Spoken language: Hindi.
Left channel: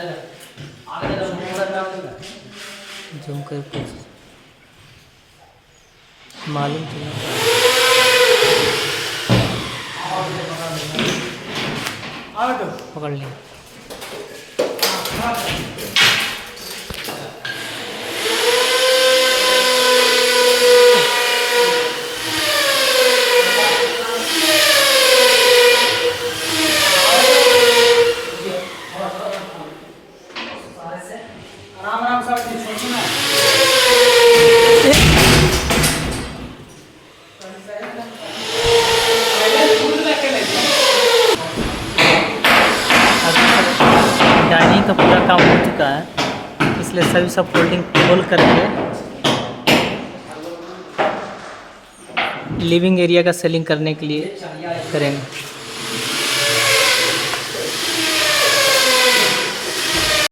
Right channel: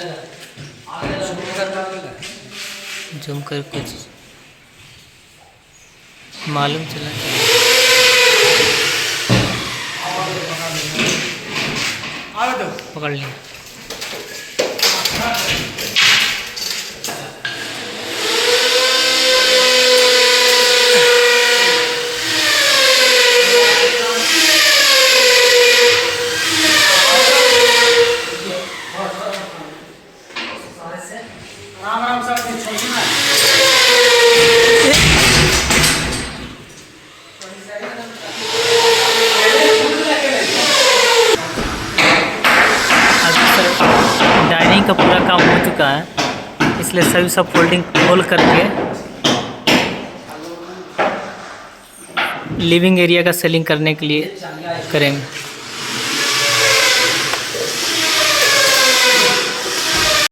जूम कर कुछ मालूम चला। पकड़ लिया। डाइनिंग का पूरा काम हो चुका है, इसलिए सभी सब फोल्डिंग खोल करके लिविंग एरिया का सेलिंग करने के लिए करेंगे।